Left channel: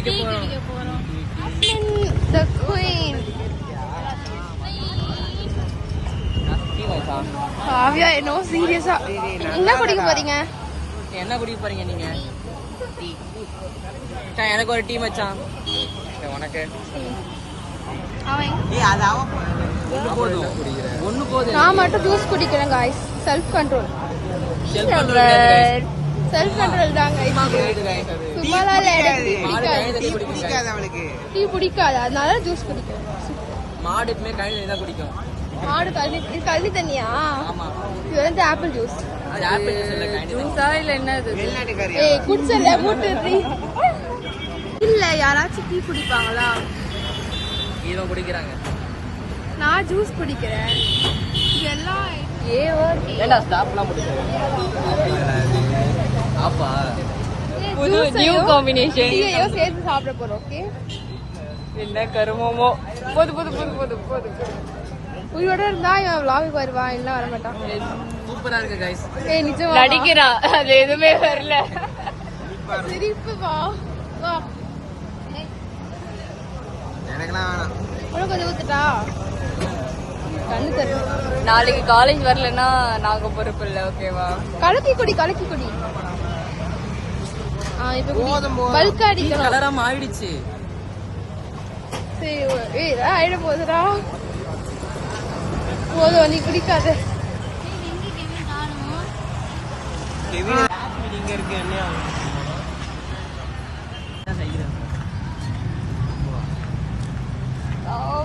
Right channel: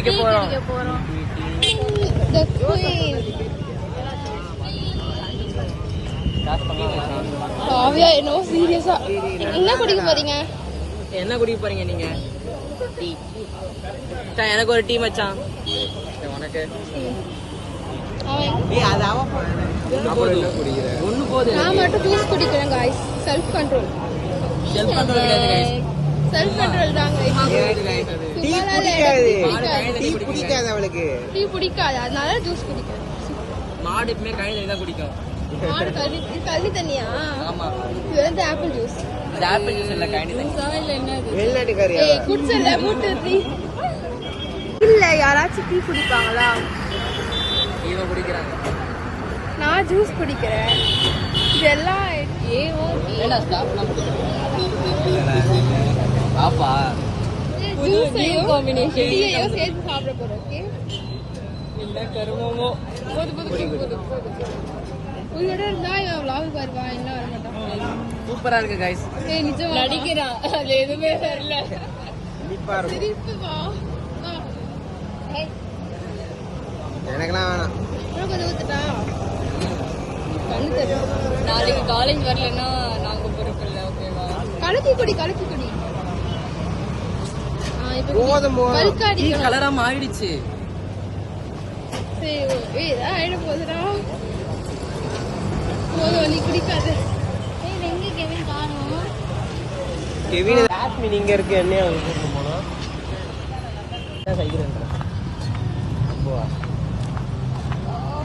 குடிக்க போறோம். The queen. Kavya என்ன சீரியஸா என்ன குடிக்க போறீங்க? என்ன குடிக்க போறீங்க நீங்க? எனக்கு ஒரு டீ மச்சான். உனக்கு நான் மட்டும் ஜூஸ் குடிக்கிறேன் guys. செல்ஃப் கண்ட்ரோல் தான் guys. சும்மாலாம் எனக்கு டீ பிடிக்காது அதனால ஜூஸ் குடிக்கிறேன். மாடு எப்பவுமே கழனி தான் குடிக்கும். மாடு கழனி தண்ணியா? இது வந்து ஆப்பிள் ஜூஸ். அது ஆப்பிள் ஜூஸ் இல்ல, கழனி ஜூஸா இல்ல என்ன இது? ஏய் குடிச்சல மூட்டு டீ இல்ல. யாராச்சும் டீ குடிப்பாங்களா? இவங்க குடிக்கிறாங்க. நான் ஜூஸ் குடிக்கிறேன். இதெல்லாம் ஏடா ஸ்டாப்லாம் ஆப்பா ஜூஸ் நியூ காம்பினேஷன் டீயோ சேர்த்து சாப்பிட போறோம். ஓகே என்ன கருமமோ. போது உயிரோட இருந்தா இவன் vlog வருவா, இல்ல வர மாட்டான். சூப்பரா இருக்கு गाइस. ஏய் நிஜமா நடிக்கிறா, அது எதுமே வரல. சிரிப்பு வா எனக்குலாம் வேணாம். உனக்கு கொஞ்சம் ஊத்துட்டா கண்ணு தெரியும். நாளைக்கு காலேஜ் வரலன்னா நாங்க பொறுப்பு இல்ல. ஓகேவா? கலக்கி குடி. கல்காடி கலரா மாறிடுச்சு. சரி ஏய் ஆயிட போதுடா. போதும் நீ குடிக்காத. கெவின் இங்க இருக்கு. என்ன செய்யறேன்